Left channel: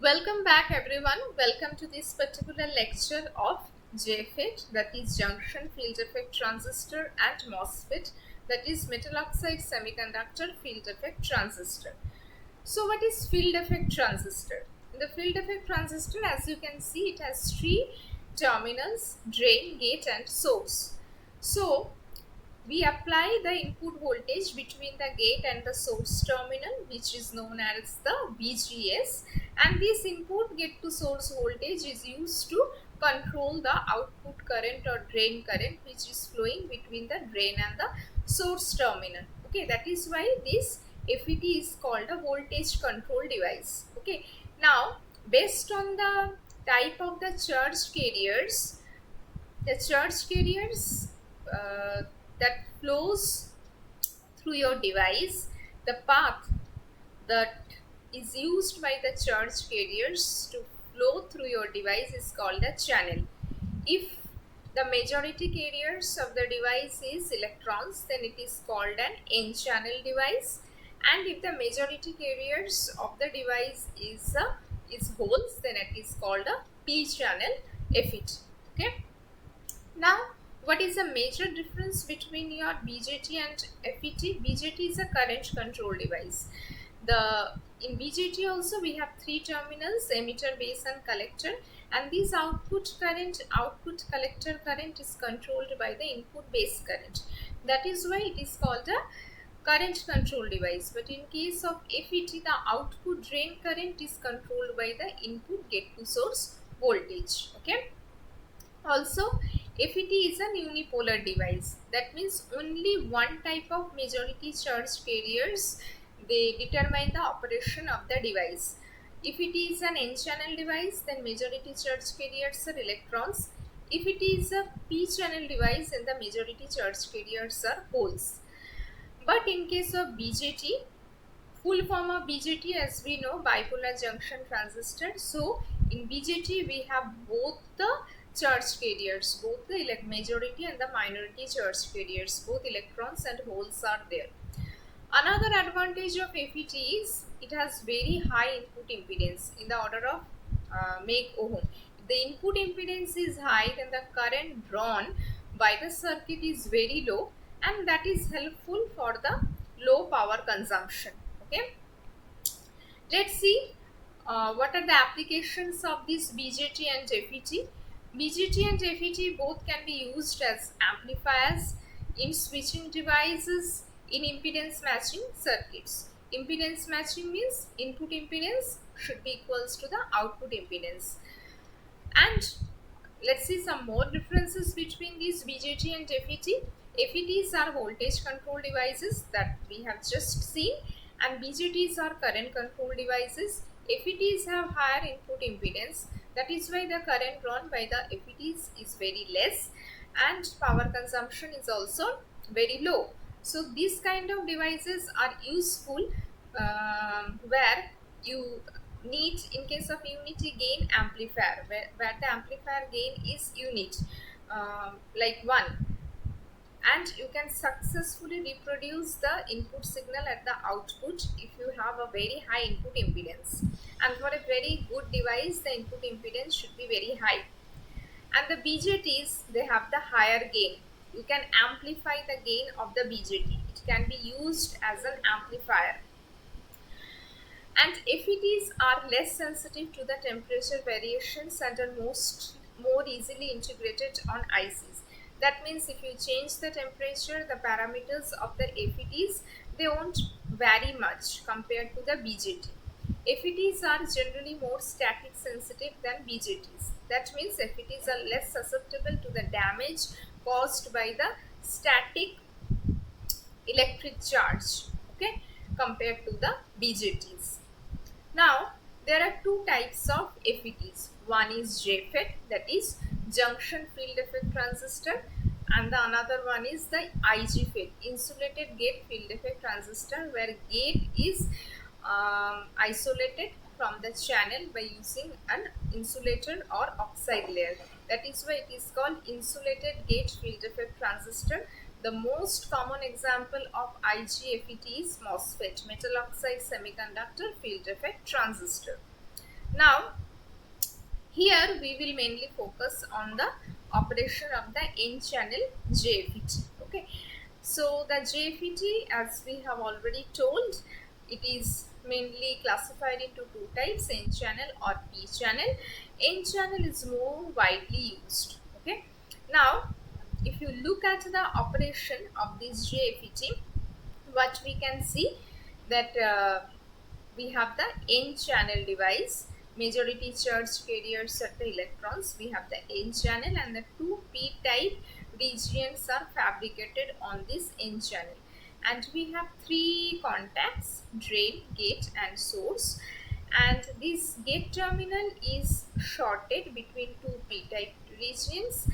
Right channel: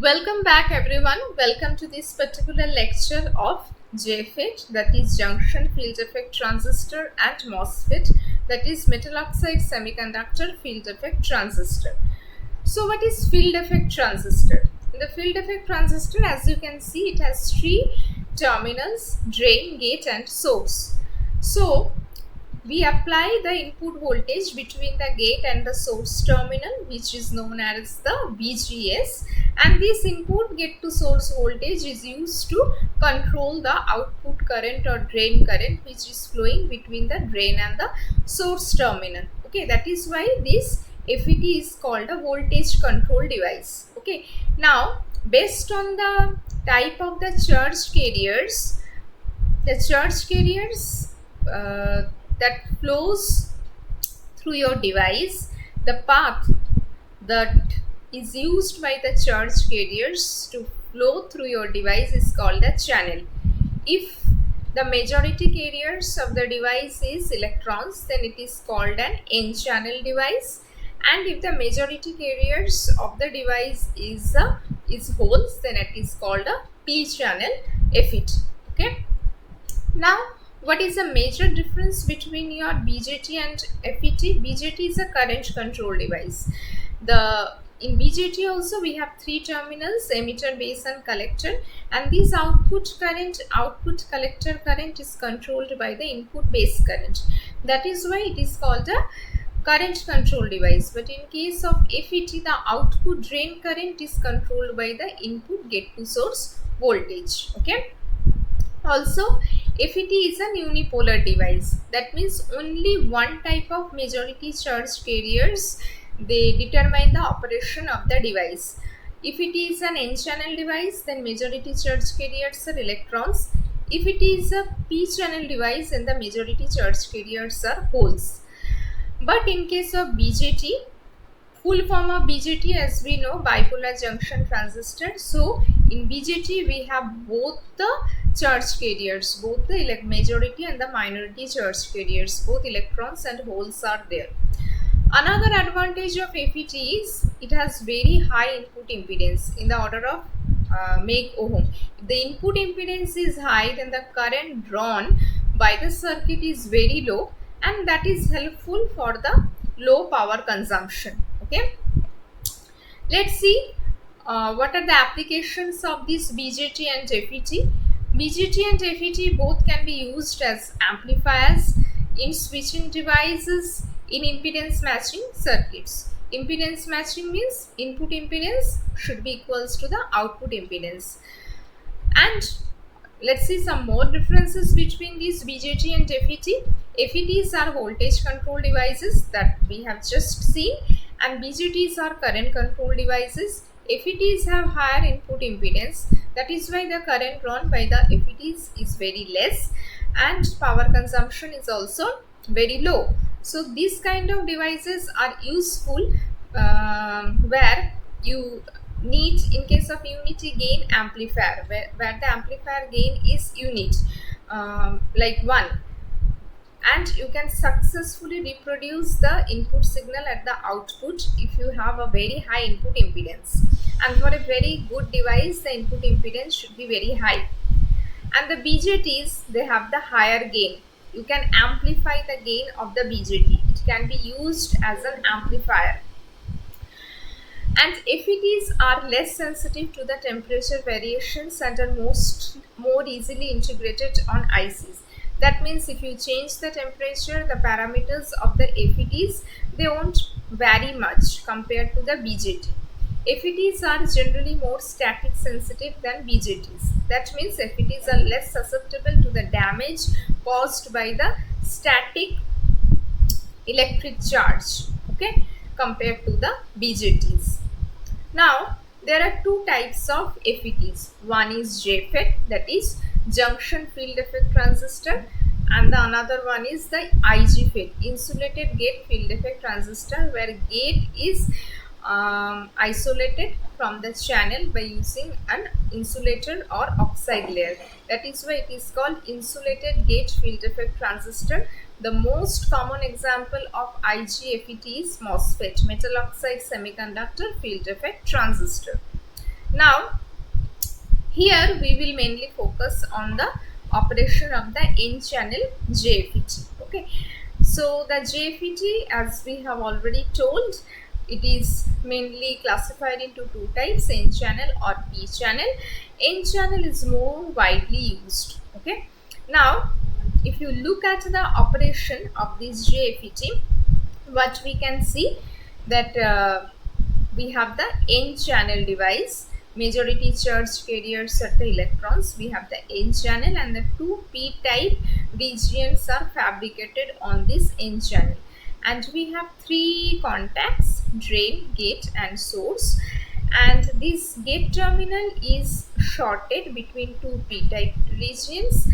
Welcome back everyone. Welcome to this particular lecture of JFET, that is junction field effect transistor, and MOSFET, that is metal oxide semiconductor field effect transistor. So what is field effect transistor? In the field effect transistor, as you can see, it has three terminals: drain, gate and source. So we apply the input voltage between the gate and the source terminal, which is known as the VGS, and this input gate to source voltage is used to control the output current or drain current which is flowing between the drain and the source terminal. Okay, that is why this FET is called a voltage control device. Okay, now based on the type of the charge carriers, uh, that flows through your device, the path that is used by the charge carriers to flow through your device is called a channel. If the majority carriers of the device is electrons, then it is called an N channel device, and if the majority carriers of the device is holes, then it is called a P channel FET. Okay, now, what is the major difference between your BJT and FET? BJT is a current control device. In BJT also we have three terminals: emitter, base and collector, and this output collector current is controlled by the input base current. That is why it is called a current control device. But in case of FET, the output drain current is controlled by the input gate to source voltage. Okay. Also, FET is a unipolar device. That means only one type of majority charge carriers, they determine the operation of the device. If it is an N-channel device, then majority charge carriers are electrons. If it is a P-channel device, then the majority charge carriers are holes. But in case of BJT, full form of BJT, as we know, bipolar junction transistor. So in BJT we have both the charge carriers, both the majority and the minority charge carriers, both electrons and holes are there. Another advantage of FET is it has very high input impedance in the order of meg ohm. If the input impedance is high, then the current drawn by the circuit is very low, and that is helpful for the low power consumption. Okay, let's see what are the applications of this BJT and FET. BJT and FET both can be used as amplifiers, in switching devices, in impedance matching circuits. Impedance matching means input impedance should be equals to the output impedance. And let's see some more differences between these BJT and FET. FETs are voltage control devices that we have just seen, and BJTs are current control devices. FETs have higher input impedance, that is why the current drawn by the FETs is very less, and power consumption is also very low. So these kind of devices are useful where you need, in case of unity gain amplifier, where the amplifier gain is unit, like 1, and you can successfully reproduce the input signal at the output if you have a very high input impedance. And for a very good device, the input impedance should be very high. And the BJTs, they have the higher gain. You can amplify the gain of the BJT. It can be used as an amplifier. And FETs are less sensitive to the temperature variations and are more easily integrated on ICs. That means if you change the temperature, the parameters of the FETs, they won't vary much compared to the BJT. FETs are generally more static sensitive than BJTs. That means FETs are less susceptible to the damage caused by the static electric charge, okay, compared to the BJTs. Now, there are two types of FETs. One is JFET, that is junction field effect transistor, and the another one is the IGFET, insulated gate field effect transistor, where gate is isolated from the channel by using an insulator or oxide layer. That is why it is called insulated gate field effect transistor. The most common example of IGFET is MOSFET, metal oxide semiconductor field effect transistor. Now here we will mainly focus on the operation of the N channel JFET. Okay, so the JFET, as we have already told, it is mainly classified into two types, N channel or P channel. N channel is more widely used. Okay, now if you look at the operation of this JFET, what we can see that we have the N channel device. Majority charge carriers are the electrons. We have the N channel, and the two p type regions are fabricated on this N channel. And we have three contacts: drain, gate, and source. And this gate terminal is shorted between two p type regions.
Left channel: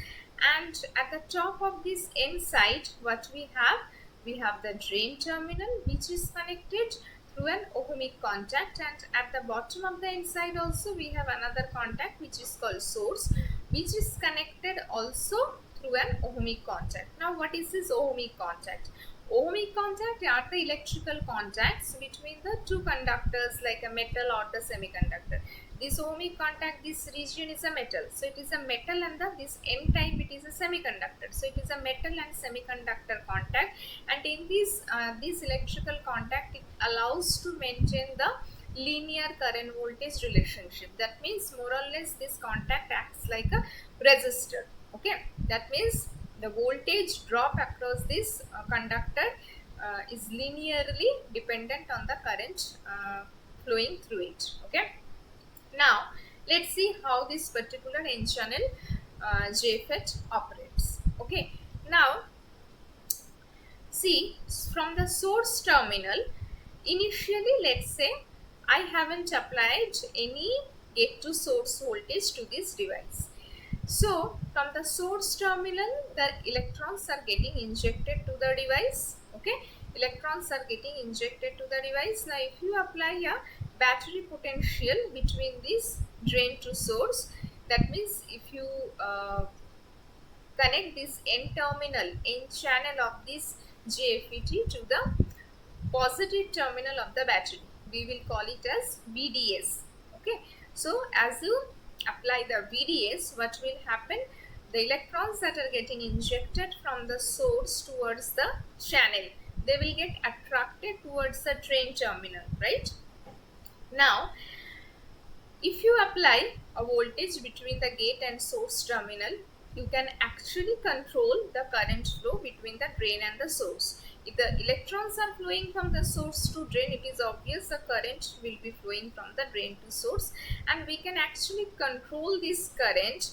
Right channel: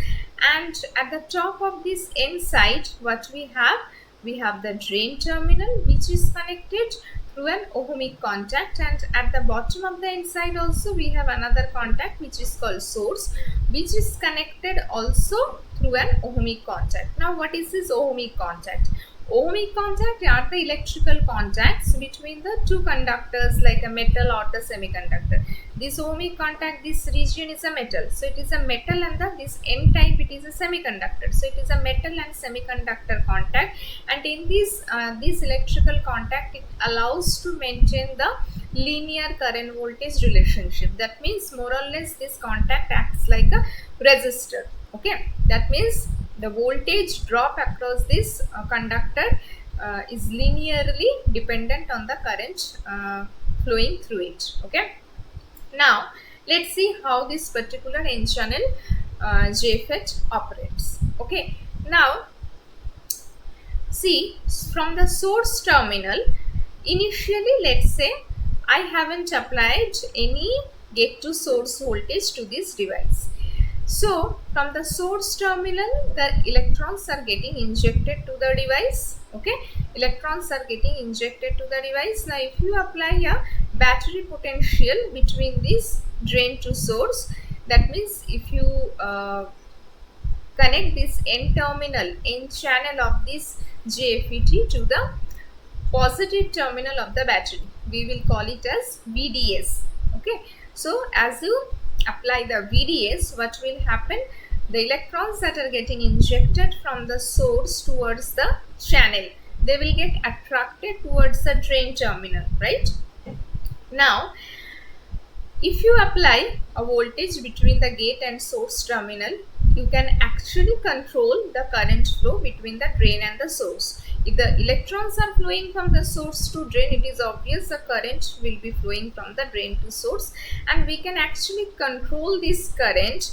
And at the top of this N side, what we have the drain terminal, which is connected through an ohmic contact, and at the bottom of the inside also we have another contact which is called source, which is connected also through an ohmic contact. Now what is this ohmic contact? Ohmic contact are the electrical contacts between the two conductors, like a metal or the semiconductor. This ohmic contact, this region is a metal, so it is a metal, and this N type, it is a semiconductor, so it is a metal and semiconductor contact. And in this electrical contact, it allows to maintain the linear current voltage relationship. That means more or less this contact acts like a resistor. Okay, that means the voltage drop across this conductor is linearly dependent on the current flowing through it. Okay, now let's see how this particular N channel JFET operates. Okay, now see, from the source terminal, initially let's say I haven't applied any gate to source voltage to this device. So from the source terminal, the electrons are getting injected to the device. Okay, electrons are getting injected to the device. Now if you apply a battery potential between this drain to source, that means if you connect this N terminal, N channel of this JFET to the positive terminal of the battery, we will call it as VDS. Okay, so as you apply the VDS, what will happen? The electrons that are getting injected from the source towards the channel, they will get attracted towards the drain terminal, right? Now if you apply a voltage between the gate and source terminal, you can actually control the current flow between the drain and the source. If the electrons are flowing from the source to drain, it is obvious the current will be flowing from the drain to source, and we can actually control this current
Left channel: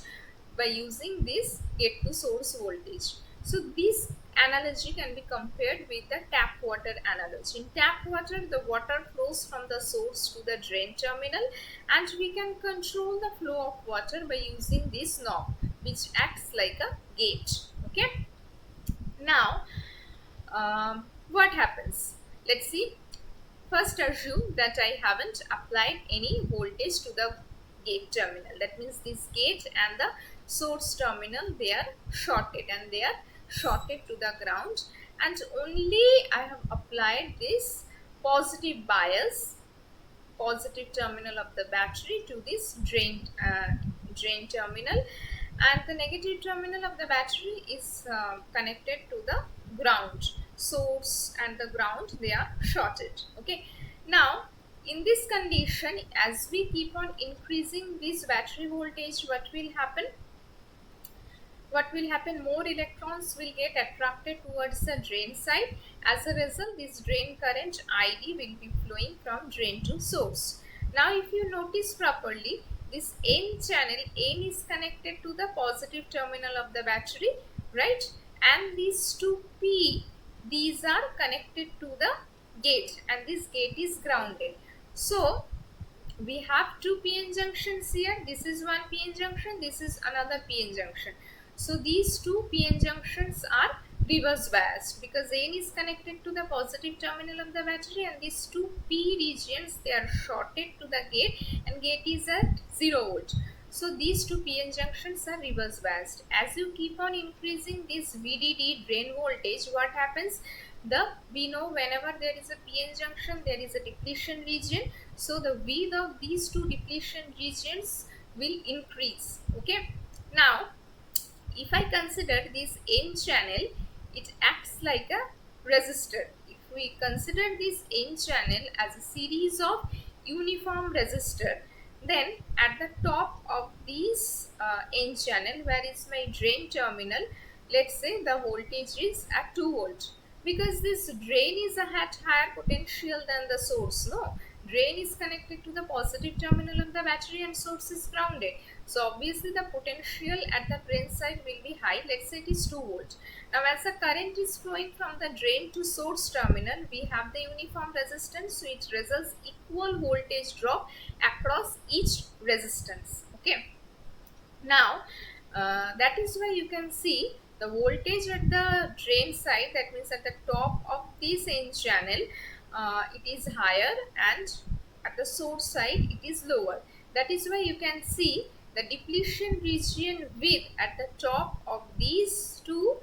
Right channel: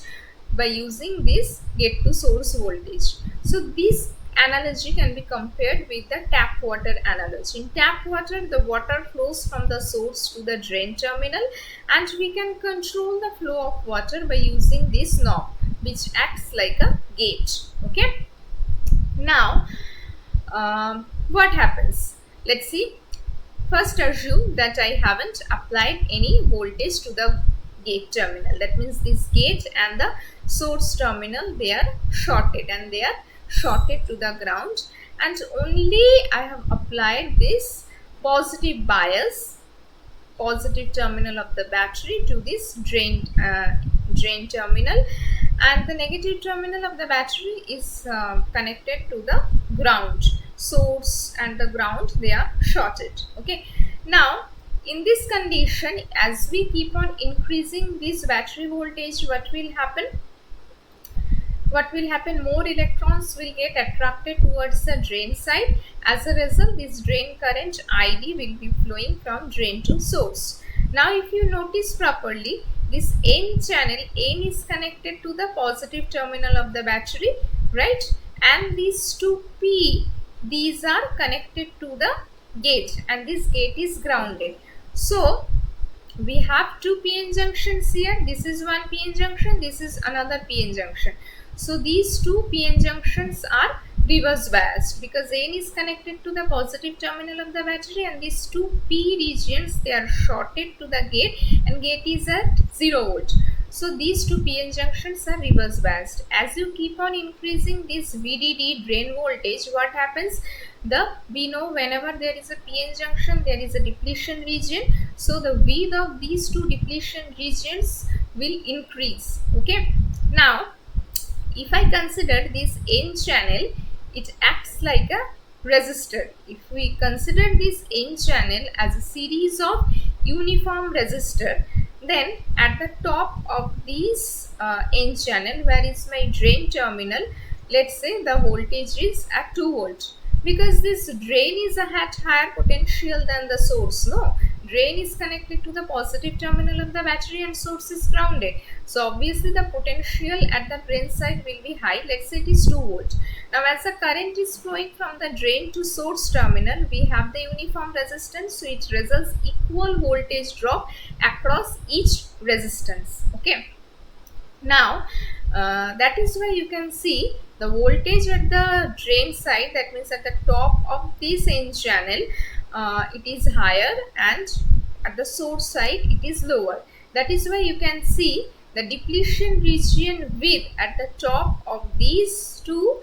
by using this gate to source voltage. So this analogy can be compared with the tap water analogy. In tap water, the water flows from the source to the drain terminal, and we can control the flow of water by using this knob, which acts like a gate. Okay, now what happens? Let's see. First assume that I haven't applied any voltage to the gate terminal. That means this gate and the source terminal, they are shorted, and they are shorted to the ground, and only I have applied this positive bias, positive terminal of the battery to this drain terminal, and the negative terminal of the battery is connected to the ground. Source and the ground, they are shorted. Okay, now in this condition, as we keep on increasing this battery voltage, what will happen? More electrons will get attracted towards the drain side. As a result, this drain current ID will be flowing from drain to source. Now if you notice properly, this N channel, N is connected to the positive terminal of the battery, right? And these two P, these are connected to the gate, and this gate is grounded. So we have two PN junctions here. This is one PN junction, this is another PN junction. So these two PN junctions are reverse biased because N is connected to the positive terminal of the battery, and these two P regions, they are shorted to the gate, and gate is at 0 volt. So these two PN junctions are reverse biased. As you keep on increasing this VDD drain voltage, what happens? We know whenever there is a PN junction, there is a depletion region. So the width of these two depletion regions will increase. Okay. Now if I consider this N channel, it acts like a resistor. If we consider this N channel as a series of uniform resistor, then at the top of this N channel, where is my drain terminal, let's say the voltage is at 2 volt, because this drain is at higher potential than the source. No, drain is connected to the positive terminal of the battery and source is grounded. So obviously the potential at the drain side will be high. Let's say it is 2 volt. Now as the current is flowing from the drain to source terminal, we have the uniform resistance, so it results equal voltage drop across each resistance. Okay. Now that is why you can see the voltage at the drain side, that means at the top of this N channel, it is higher, and at the source side it is lower. That is why you can see the depletion region width at the top of these two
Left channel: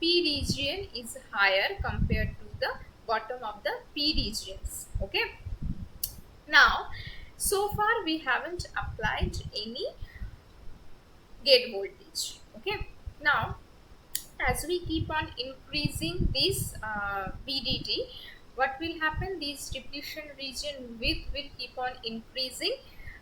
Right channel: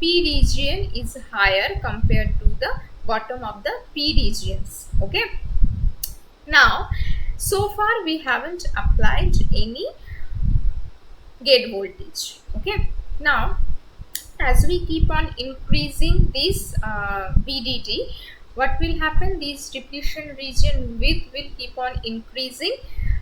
P region is higher compared to the bottom of the P regions. Okay. Now so far we haven't applied any gate voltage. Okay. Now as we keep on increasing this VDD, what will happen? This depletion region width will keep on increasing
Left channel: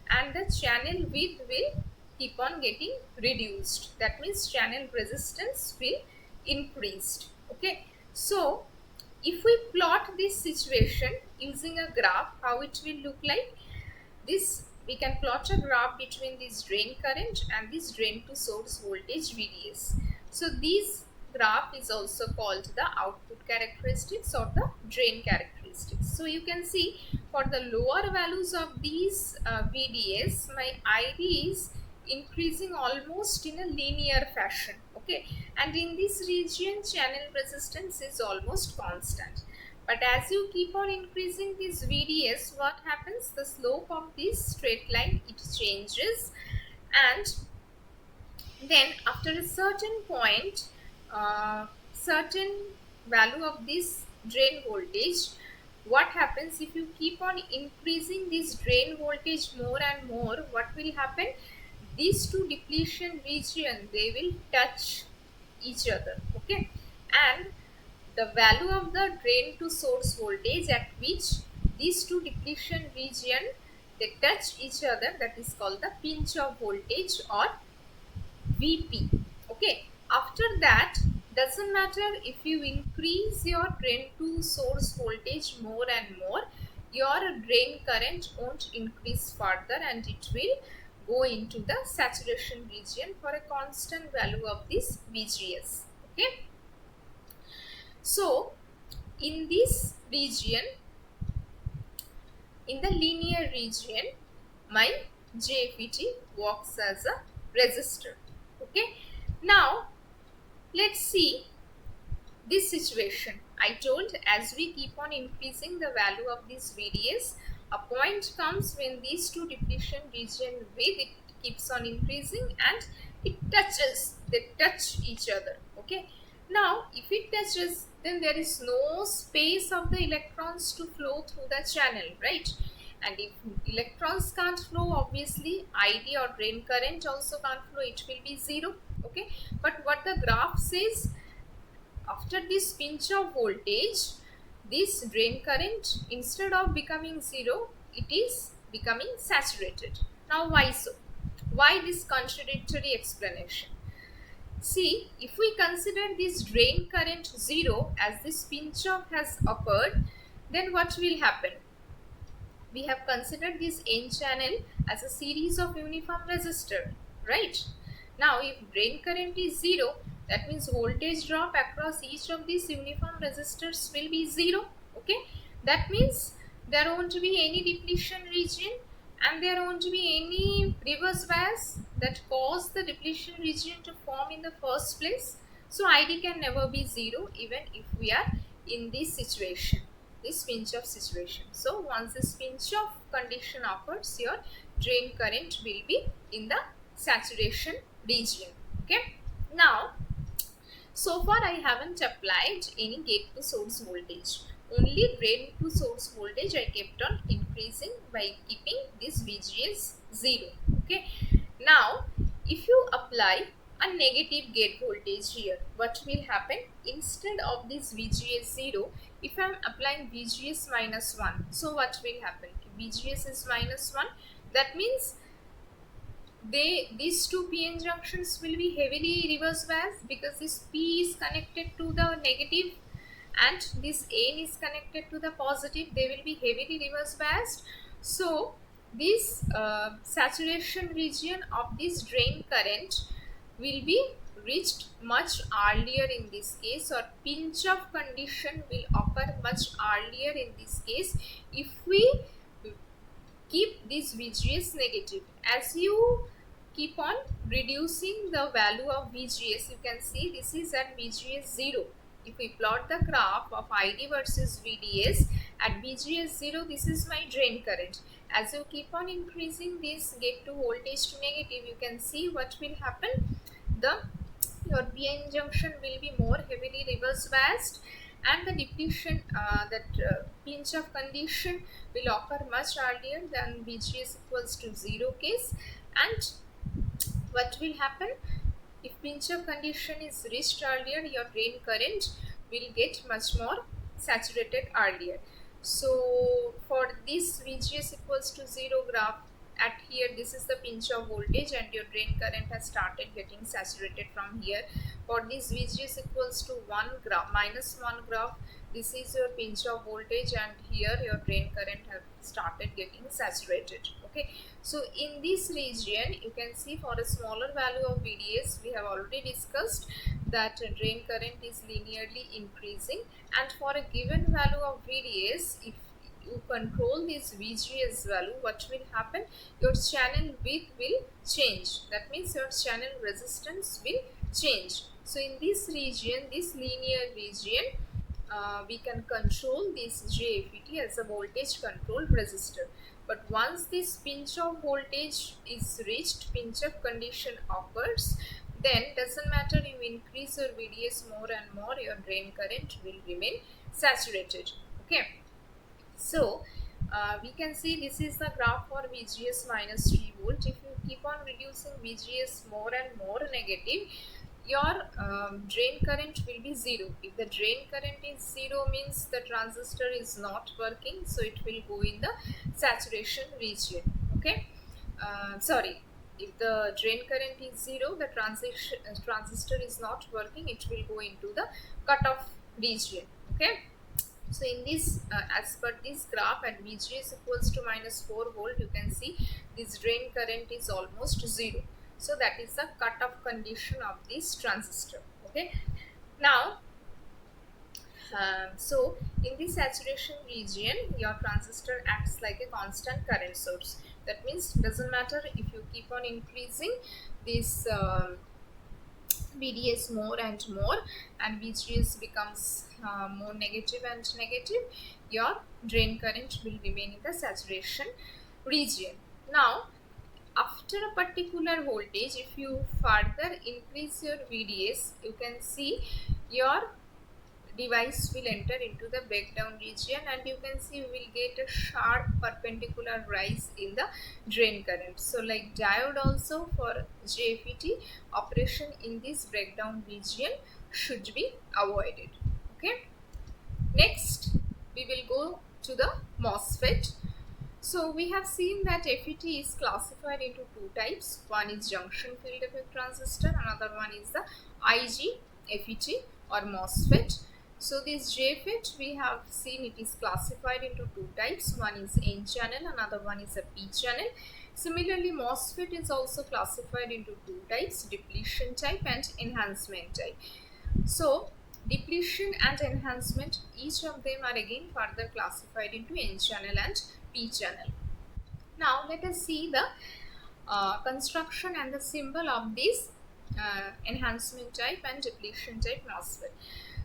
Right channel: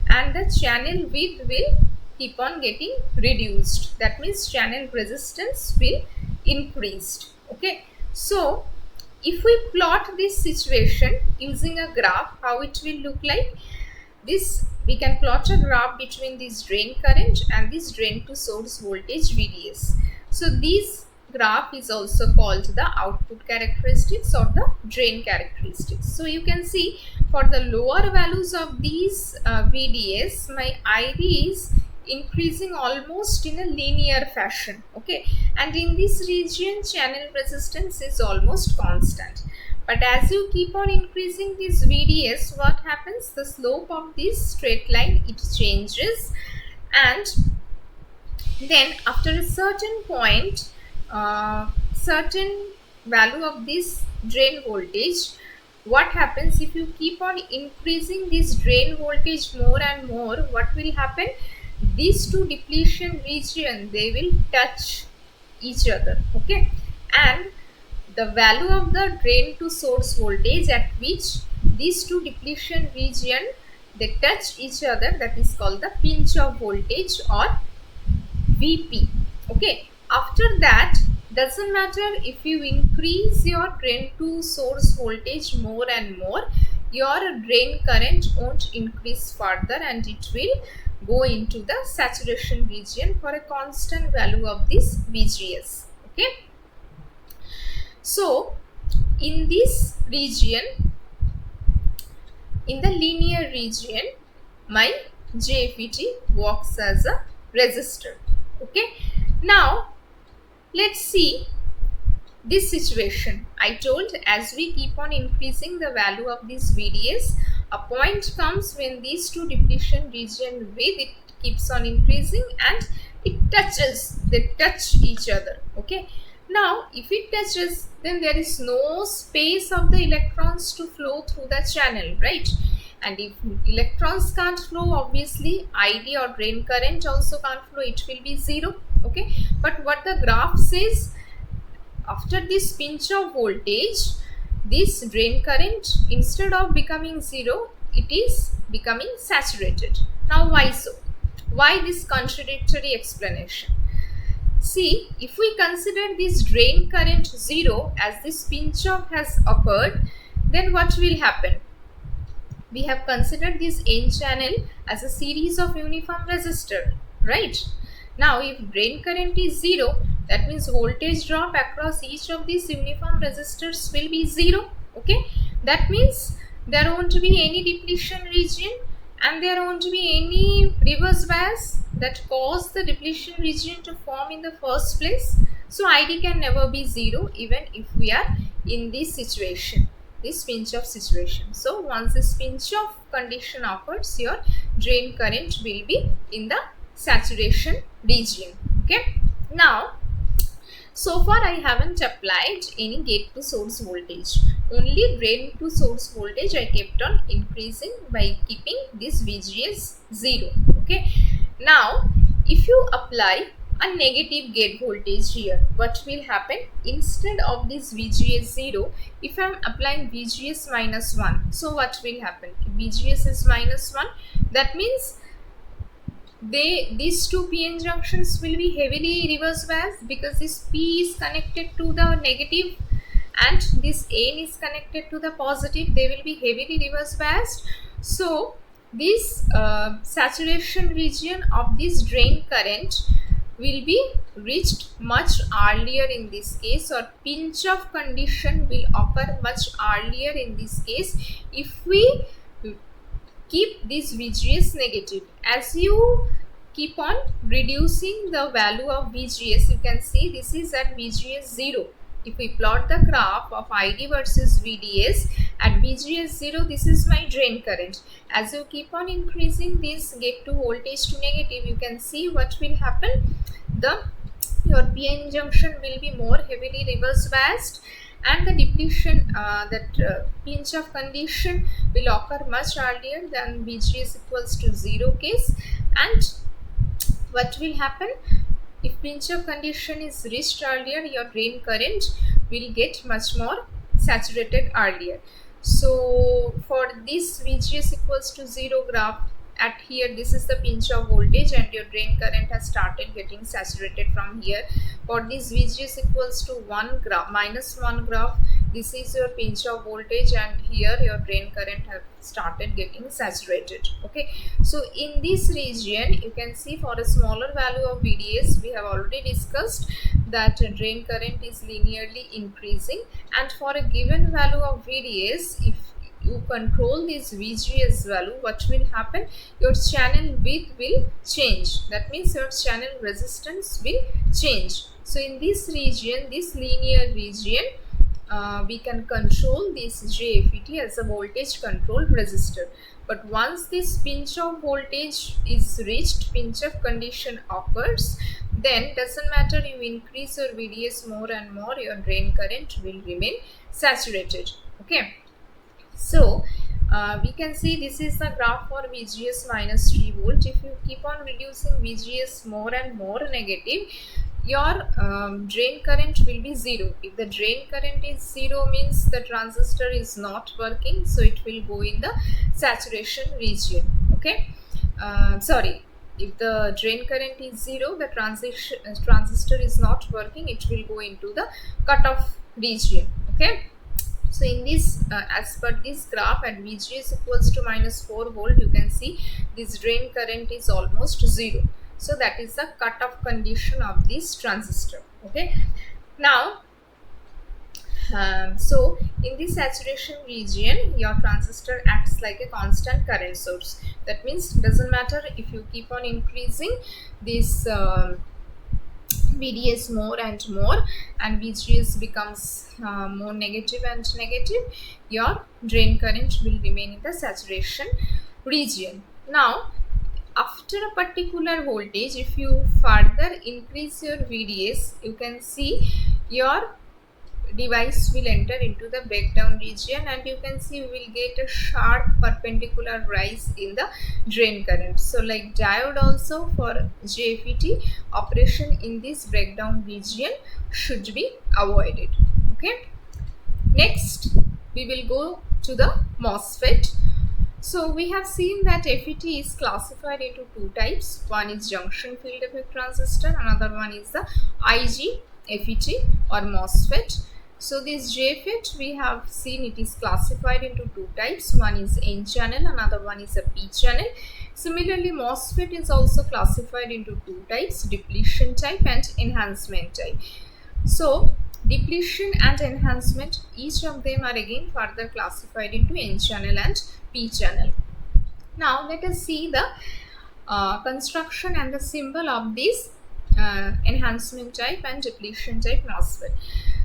and the channel width will keep on getting reduced. That means channel resistance will increase. Okay. So if we plot this situation using a graph, how it will look like? This we can plot a graph between this drain current and this drain to source voltage VDS. So this graph is also called the output characteristics or the drain characteristics. So you can see for the lower values of these VDS, my ID is increasing almost in a linear fashion. Okay, and in this region channel resistance is almost constant. But as you keep on increasing this VDS, what happens? The slope of this straight line, it changes, and then after a certain point, certain value of this drain voltage, what happens if you keep on increasing this drain voltage more and more? What will happen? These two depletion region, they will touch each other. Okay, and the value of the drain to source voltage at which these two depletion region they touch each other, that is called the pinch off voltage or VP. Okay, after that, doesn't matter if you increase your drain to source voltage more and more, your drain current won't increase further and it will go into the saturation region for a constant value of this VGS. Okay. So in this region, in the linear region, my JFET works as a resistor. Okay. Now let's see this situation. I told as we keep on increasing the value of this VDS, a point comes when these two depletion region width, it keeps on increasing and it touches, they touch each other. Okay. Now if it touches, then there is no space of the electrons to flow through the channel, right? And if electrons can't flow, obviously ID or drain current also can't flow, it will be zero. Okay, but what the graph says, after this pinch of voltage, this drain current, instead of becoming zero, it is becoming saturated. Now why so? Why this contradictory explanation? See, if we consider this drain current zero as this pinch off has occurred, then what will happen? We have considered this N channel as a series of uniform resistor, right? Now if drain current is zero, that means voltage drop across each of these uniform resistors will be zero. Okay, that means there won't be any depletion region and there won't be any reverse bias that cause the depletion region to form in the first place. So ID can never be zero even if we are in this situation, this pinch off situation. So once this pinch off condition occurs, your drain current will be in the saturation region. Okay. Now so far I haven't applied any gate to source voltage. only drain to source voltage I kept on increasing by keeping this VGS 0. Okay. Now, if you apply a negative gate voltage here, what will happen? Instead of this VGS 0, if I am applying VGS minus 1, so what will happen? If VGS is minus 1, that means these two PN junctions will be heavily reverse biased, because this P is connected to the negative and this N is connected to the positive. They will be heavily reverse biased. So this saturation region of this drain current will be reached much earlier in this case, or pinch off condition will occur much earlier in this case if we keep this VGS negative. As you keep on reducing the value of VGS, you can see this is at VGS 0. If we plot the graph of ID versus VDS at VGS 0, this is my drain current. As you keep on increasing this gate to voltage to negative, you can see what will happen. Your PN junction will be more heavily reverse biased, and the depletion, pinch off condition will occur much earlier than VGS equals to 0 case. And what will happen? If pinch off condition is reached earlier, your drain current will get much more saturated earlier. So for this VGS equals to 0 graph, at here this is the pinch off voltage and your drain current has started getting saturated from here. For this VGS equals to 1 graph, minus 1 graph, this is your pinch off voltage and here your drain current have started getting saturated. Okay, so in this region you can see for a smaller value of VDS, we have already discussed that drain current is linearly increasing, and for a given value of VDS, if you control this VGS value, what will happen? Your channel width will change. That means your channel resistance will change. So in this region, this linear region, we can control this JFET as a voltage controlled resistor. But once this pinch off voltage is reached, pinch off condition occurs, then doesn't matter, you increase your VDS more and more, your drain current will remain saturated. Okay. So we can see this is the graph for VGS minus 3 volt. If you keep on reducing VGS more and more negative, your drain current will be 0. If the drain current is 0, means the transistor is not working, so it will go in the saturation region. Okay, sorry, if the drain current is 0, the transistor is not working, it will go into the cutoff region. Okay. So in this, as per this graph at VGS equals to minus 4 volt, you can see this drain current is almost 0. So that is the cutoff condition of this transistor. Okay. Now, so in this saturation region, your transistor acts like a constant current source. That means doesn't matter if you keep on increasing this VDS more and more, and VGS becomes more negative and negative, your drain current will remain in the saturation region. Now, after a particular voltage, if you further increase your VDS, you can see your device will enter into the breakdown region, and you can see we will get a sharp perpendicular rise in the drain current. So like diode also, for JFET operation in this breakdown region should be avoided. Okay, next we will go to the MOSFET. So we have seen that FET is classified into two types. One is junction field effect transistor, another one is the IGFET or MOSFET. So this JFET, we have seen it is classified into two types. One is N channel, another one is a P channel. Similarly, MOSFET is also classified into two types, depletion type and enhancement type. So depletion and enhancement, each of them are again further classified into N channel and P channel. Now let us see the construction and the symbol of this enhancement type and depletion type MOSFET.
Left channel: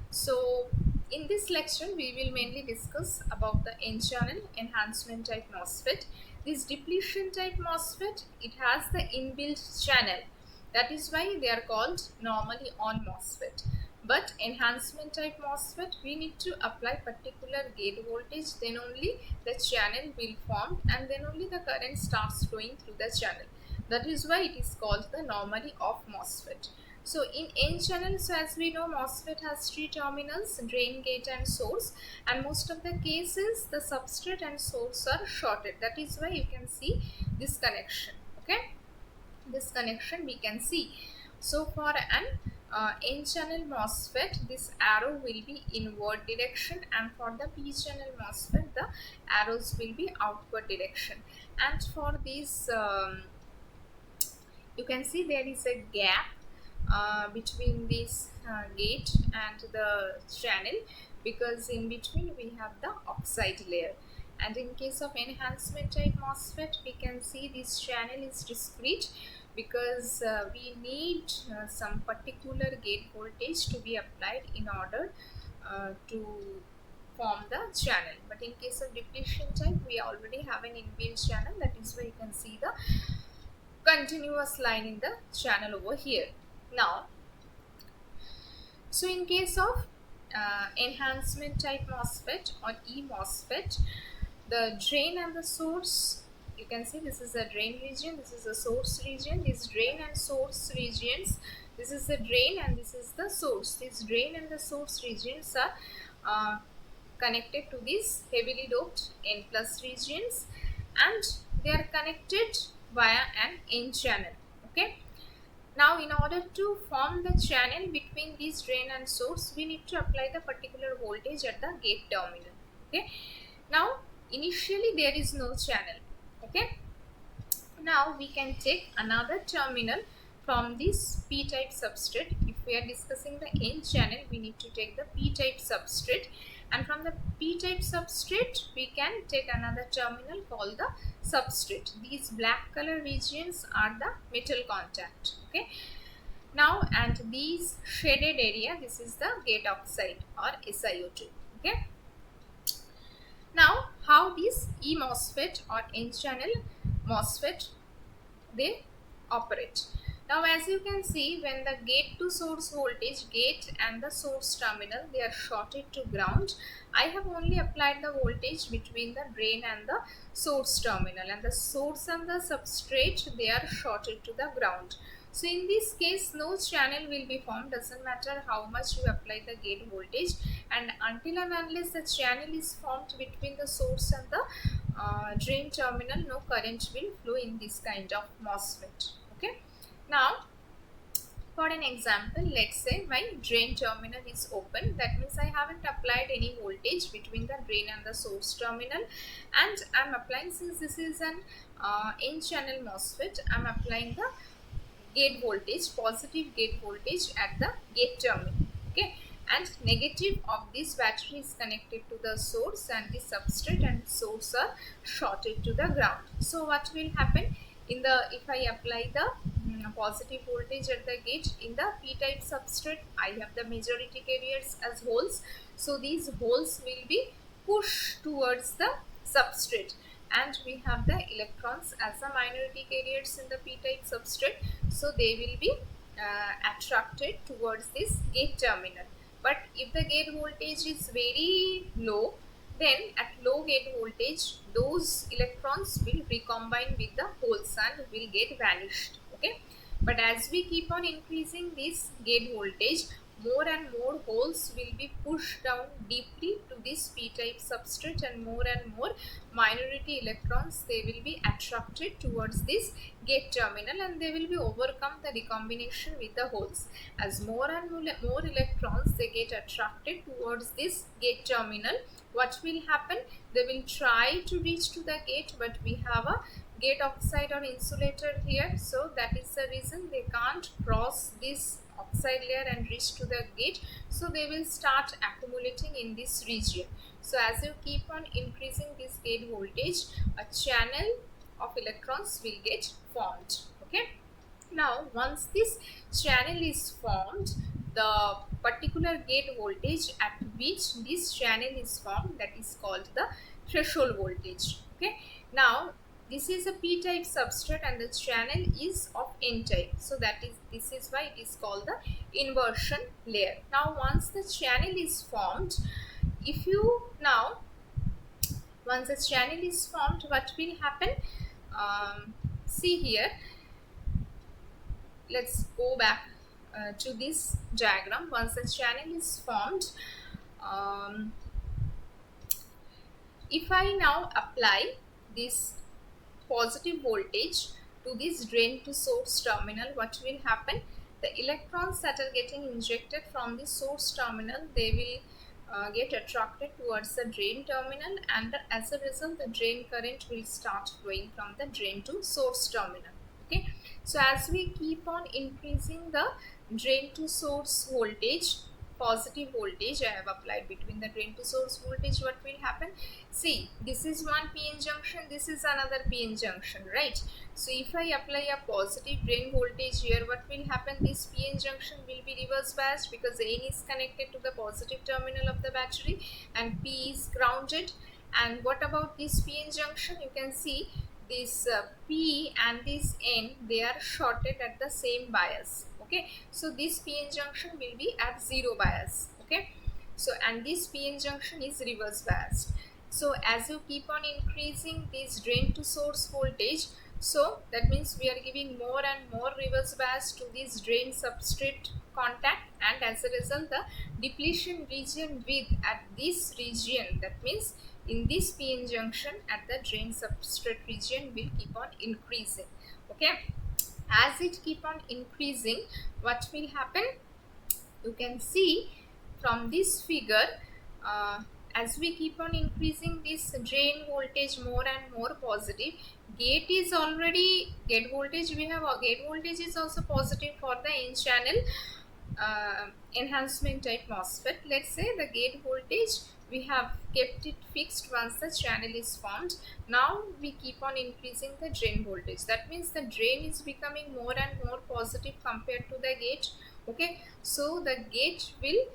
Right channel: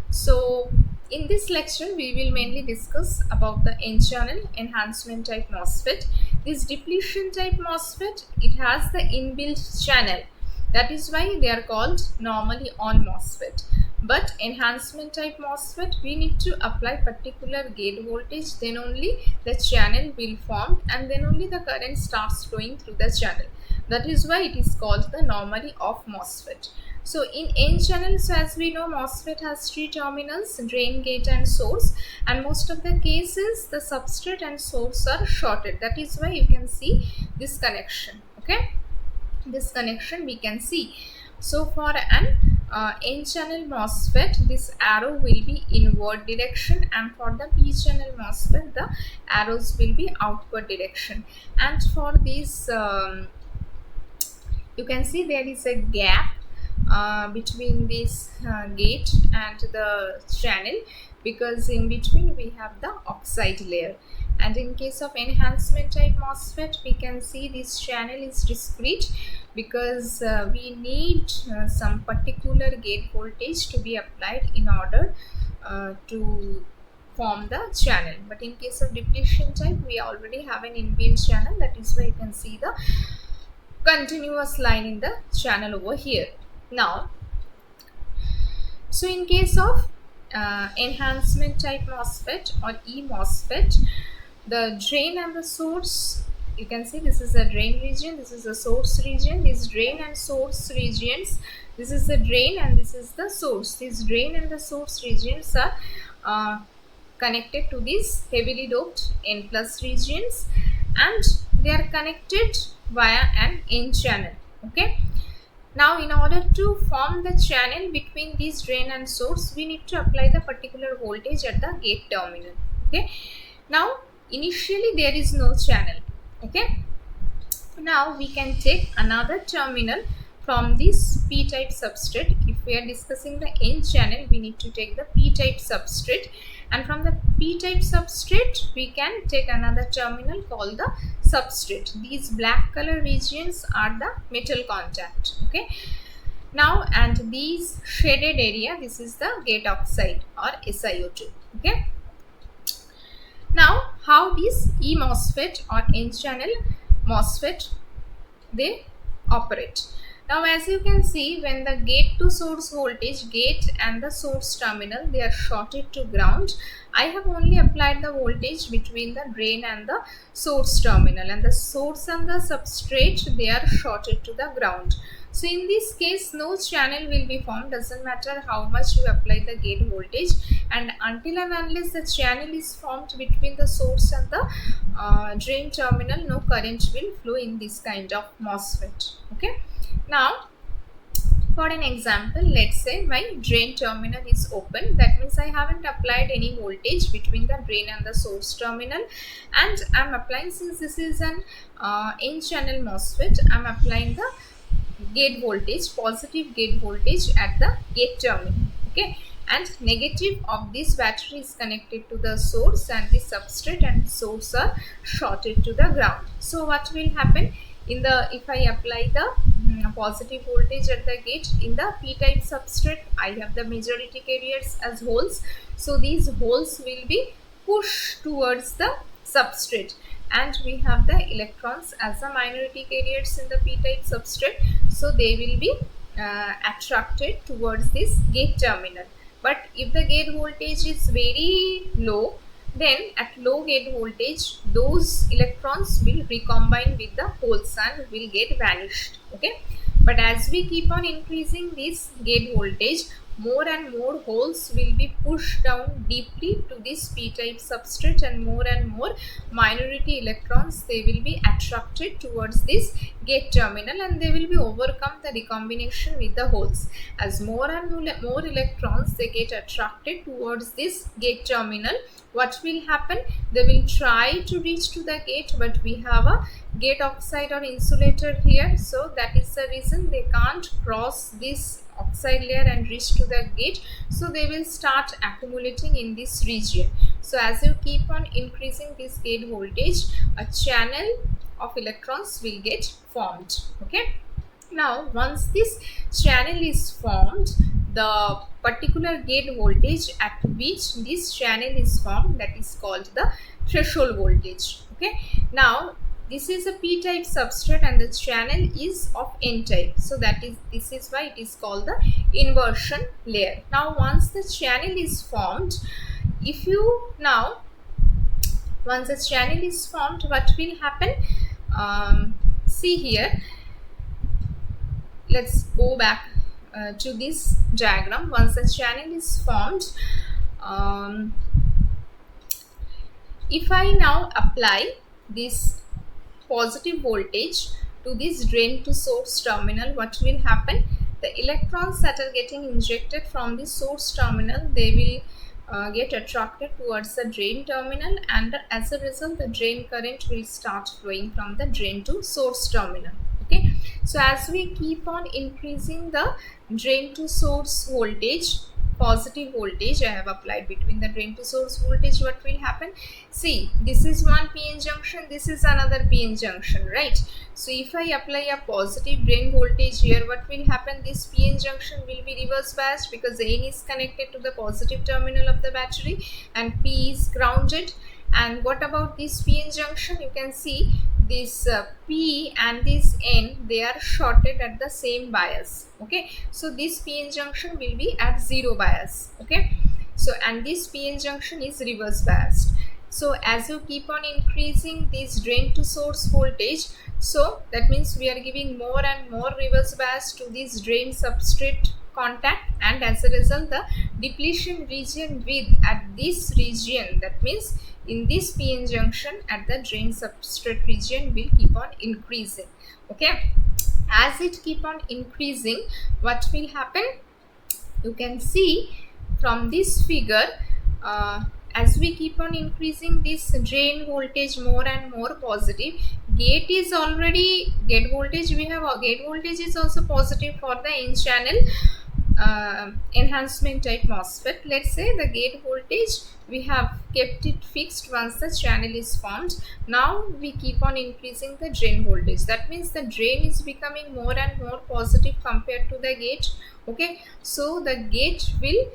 So in this lecture we will mainly discuss about the N channel enhancement type MOSFET. This depletion type MOSFET, it has the inbuilt channel. That is why they are called normally on MOSFET. But enhancement type MOSFET, we need to apply particular gate voltage, then only the channel will form and then only the current starts flowing through the channel. That is why it is called the normally off MOSFET. So in N channel, so as we know, MOSFET has three terminals, drain, gate and source, and most of the cases the substrate and source are shorted. That is why you can see this connection. Okay, this connection we can see. So for an N channel MOSFET, this arrow will be inward direction, and for the P channel MOSFET the arrows will be outward direction. And for this you can see there is a gap between this gate and the channel, because in between we have the oxide layer. And in case of enhancement type MOSFET, we can see this channel is discrete, because we need some particular gate voltage to be applied in order to form the channel. But in case of depletion type, we already have an inbuilt channel. That is why you can see the continuous line in the channel over here. Now, so in case of enhancement type MOSFET or E MOSFET, the drain and the source, you can see this is a drain region, this is a source region. These drain and source regions, this is the drain and this is the source. These drain and the source regions are connected to these heavily doped N plus regions, and they are connected via an N channel. Okay, now in order to form the channel between these drain and source, we need to apply the particular voltage at the gate terminal. Okay, now initially there is no channel. Okay, now we can take another terminal from this P type substrate. If we are discussing the N channel, we need to take the P type substrate, and from the P type substrate we can take another terminal called the substrate. These black color regions are the metal contact. Okay, now and these shaded area, this is the gate oxide or SiO2. Okay, now how this E MOSFET or N channel MOSFET they operate. Now as you can see, when the gate to source voltage, gate and the source terminal, they are shorted to ground, I have only applied the voltage between the drain and the source terminal, and the source and the substrate, they are shorted to the ground. So in this case no channel will be formed, doesn't matter how much you apply the gate voltage, and until and unless the channel is formed between the source and the drain terminal, no current will flow in this kind of MOSFET. Okay, now for an example, let's say my drain terminal is open. That means I haven't applied any voltage between the drain and the source terminal, and I'm applying, since this is an N channel MOSFET, I'm applying the gate voltage, positive gate voltage at the gate terminal. Okay, and negative of this battery is connected to the source, and the substrate and source are shorted to the ground. So what will happen in the, if I apply the positive voltage at the gate in the P type substrate, I have the majority carriers as holes, so these holes will be pushed towards the substrate, and we have the electrons as the minority carriers in the P type substrate, so they will be attracted towards this gate terminal. But if the gate voltage is very low, then at low gate voltage those electrons will recombine with the holes and will get vanished. Okay, but as we keep on increasing this gate voltage, more and more holes will be pushed down deeply to this P type substrate, and more minority electrons, they will be attracted towards this gate terminal, and they will be overcome the recombination with the holes. As more and more electrons they get attracted towards this gate terminal, what will happen? They will try to reach to the gate, but we have a gate oxide or insulator here, so that is the reason they can't cross this oxide layer and reach to the gate, so they will start accumulating in this region. So as you keep on increasing this gate voltage, a channel of electrons will get formed. Okay, now once this channel is formed, the particular gate voltage at which this channel is formed, that is called the threshold voltage. Okay, now this is a p-type substrate and the channel is of n-type, so this is why it is called the inversion layer. Now once the channel is formed, if you now once the channel is formed, what will happen? See here, let's go back to this diagram. Once the channel is formed, um, if I now apply this positive voltage to this drain to source terminal, what will happen? The electrons that are getting injected from the source terminal, they will get attracted towards the drain terminal, and as a result the drain current will start flowing from the drain to source terminal. Okay, so as we keep on increasing the drain to source voltage, positive voltage I have applied between the drain to source voltage, what will happen? See, this is one PN junction, this is another PN junction, right? So if I apply a positive drain voltage here, what will happen? This PN junction will be reverse biased because N is connected to the positive terminal of the battery and P is grounded. And what about this PN junction? You can see this P and this N, they are shorted at the same bias. Okay, so this PN junction will be at zero bias. Okay, so and this PN junction is reverse biased. So as you keep on increasing this drain to source voltage, so that means we are giving more and more reverse bias to this drain substrate contact, and as a result the depletion region width at this region, that means in this PN junction at the drain substrate region, will keep on increasing. Okay, as it keep on increasing, what will happen? You can see from this figure, as we keep on increasing this drain voltage more and more positive, gate is already gate voltage, we have a gate voltage is also positive for the n channel enhancement type MOSFET. Let's say the gate voltage we have kept it fixed once the channel is formed. Now we keep on increasing the drain voltage, that means the drain is becoming more and more positive compared to the gate. Okay, so the gate will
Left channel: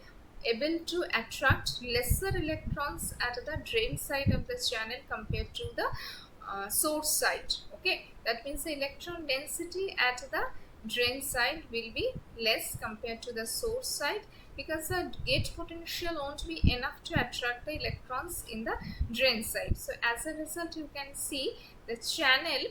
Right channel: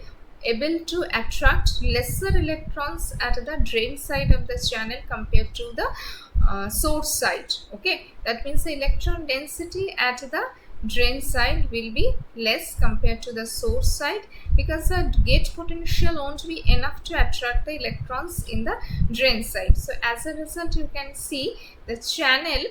able to attract lesser electrons at the drain side of the channel compared to the source side. Okay, that means the electron density at the drain side will be less compared to the source side, because the gate potential won't be enough to attract the electrons in the drain side. So as a result, you can see the channel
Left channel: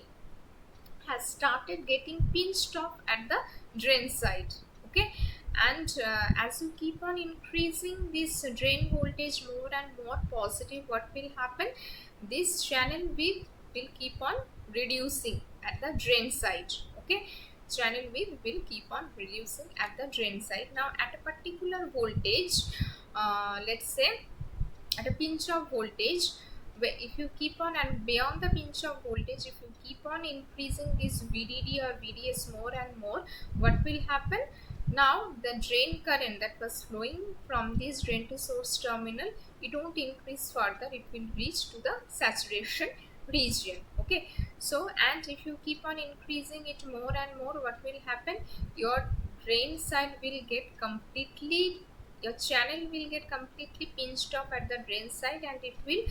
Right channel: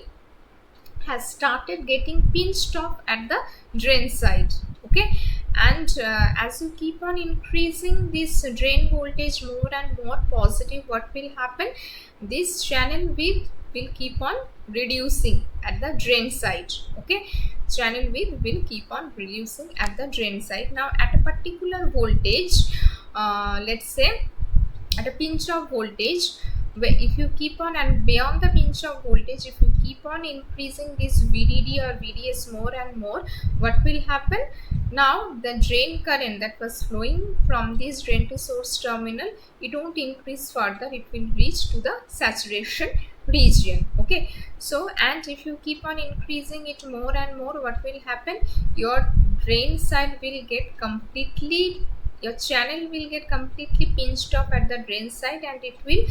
has started getting pinched off at the drain side. Okay, and as you keep on increasing this drain voltage more and more positive, what will happen? This channel width will keep on reducing at the drain side. Okay, channel width will keep on reducing at the drain side. Now at a particular voltage, let's say at a pinch of voltage, where if you keep on, and beyond the pinch of voltage, if you keep on increasing this VDD or VDS more and more, what will happen? Now the drain current that was flowing from this drain to source terminal, it won't increase further, it will reach to the saturation region. Okay, so and if you keep on increasing it more and more, what will happen? Your drain side will get completely, your channel will get completely pinched off at the drain side, and it will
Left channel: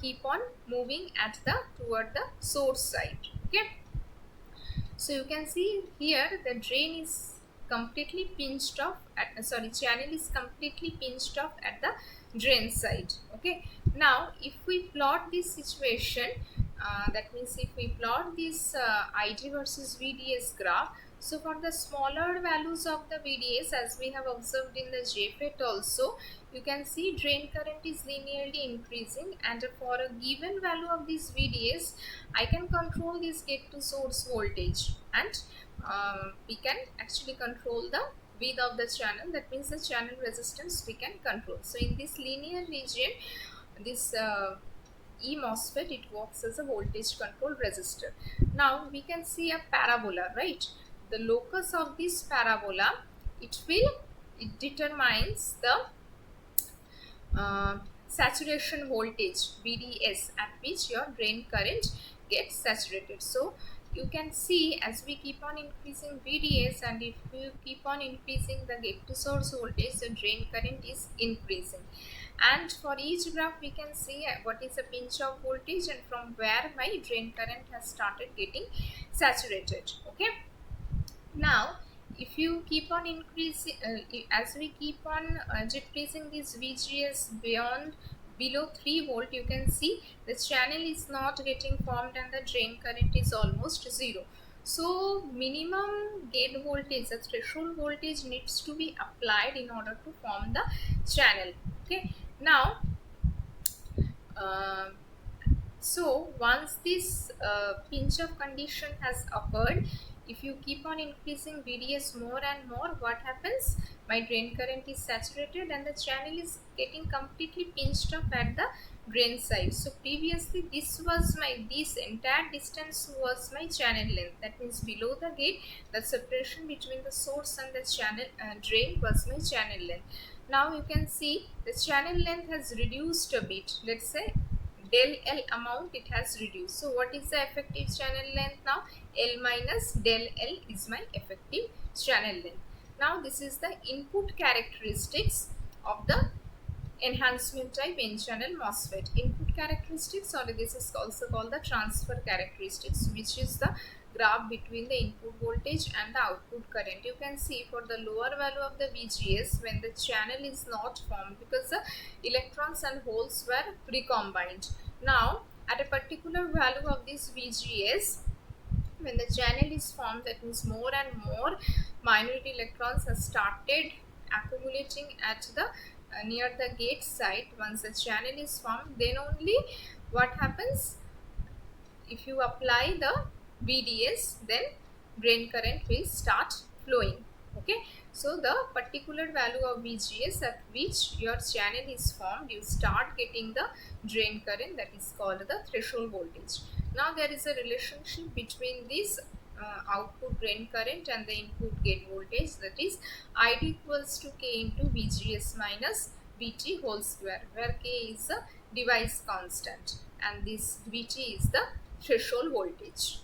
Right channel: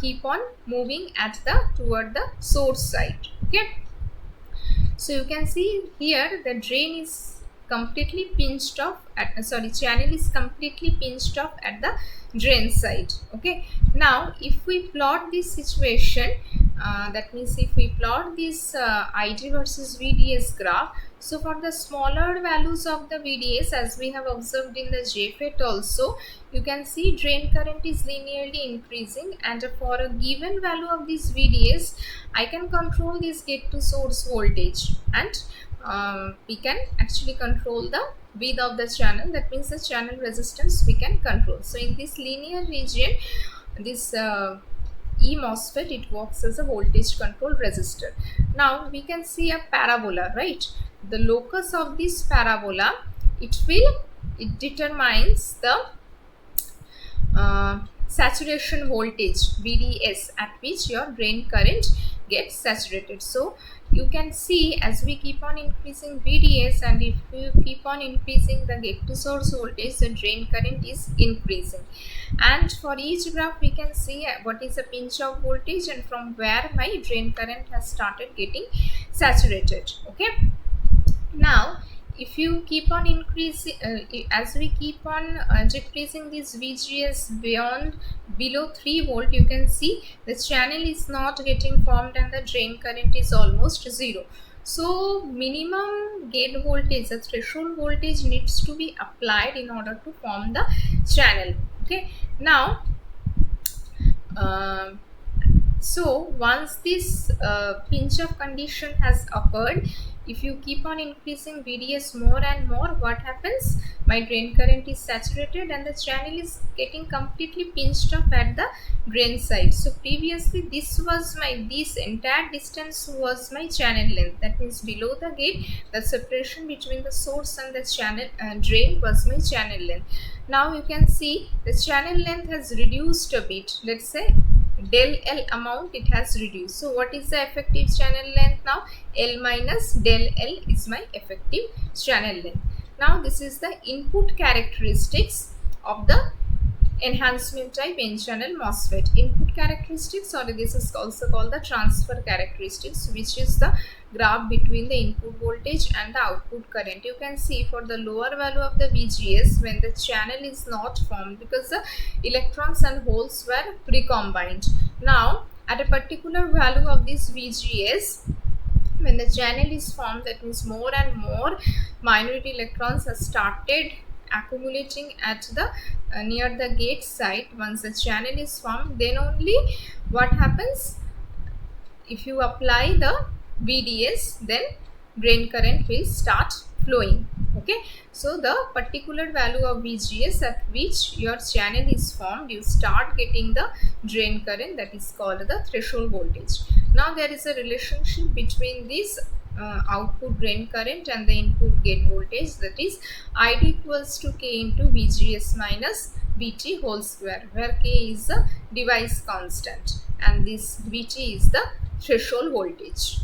keep on moving at the toward the source side. Okay, so you can see here the drain is completely pinched off at channel is completely pinched off at the drain side. Okay, now if we plot this situation, that means if we plot this ID versus VDS graph, so for the smaller values of the VDS, as we have observed in the JFET also, you can see drain current is linearly increasing, and for a given value of this VDS, I can control this gate to source voltage, and we can actually control the width of the channel, that means the channel resistance we can control. So in this linear region, this E MOSFET, it works as a voltage control resistor. Now we can see a parabola, right? The locus of this parabola, it determines the saturation voltage VDS at which your drain current get saturated. So you can see as we keep on increasing VDS, and if you keep on increasing the gate to source voltage, the drain current is increasing. And for each graph we can see what is the pinch of voltage and from where my drain current has started getting saturated. Okay, now if you keep on increasing as we keep on decreasing this VGS beyond below 3 volt, you can see the channel is not getting formed and the drain current is almost zero. So minimum gate voltage, the threshold voltage, needs to be applied in order to form the channel. Okay, now um so once this pinch of condition has occurred, if you keep on increasing VDS more and more, what happens? My drain current is saturated and the channel is getting completely pinched up at the drain side. So previously this entire distance was my channel length. That means below the gate, the separation between the source and the channel drain was my channel length. Now you can see the channel length has reduced a bit. Let's say del L amount, it has reduced. So what is the effective channel length now? L minus del L is my effective channel length. Now this is the input characteristics of the enhancement type N channel MOSFET. Input characteristics, or this is also called the transfer characteristics, which is the graph between the input voltage and the output current. You can see for the lower value of the VGS, when the channel is not formed because the electrons and holes were recombined. Now at a particular value of this VGS, when the channel is formed, that means more and more minority electrons have started accumulating at the near the gate site. Once the channel is formed, then only what happens, if you apply the VDS, then drain current will start flowing. Okay, so the particular value of VGS at which your channel is formed, you start getting the drain current, that is called the threshold voltage. Now there is a relationship between this output drain current and the input gate voltage, that is ID equals to K into VGS minus VT whole square, where K is a device constant and this VT is the threshold voltage.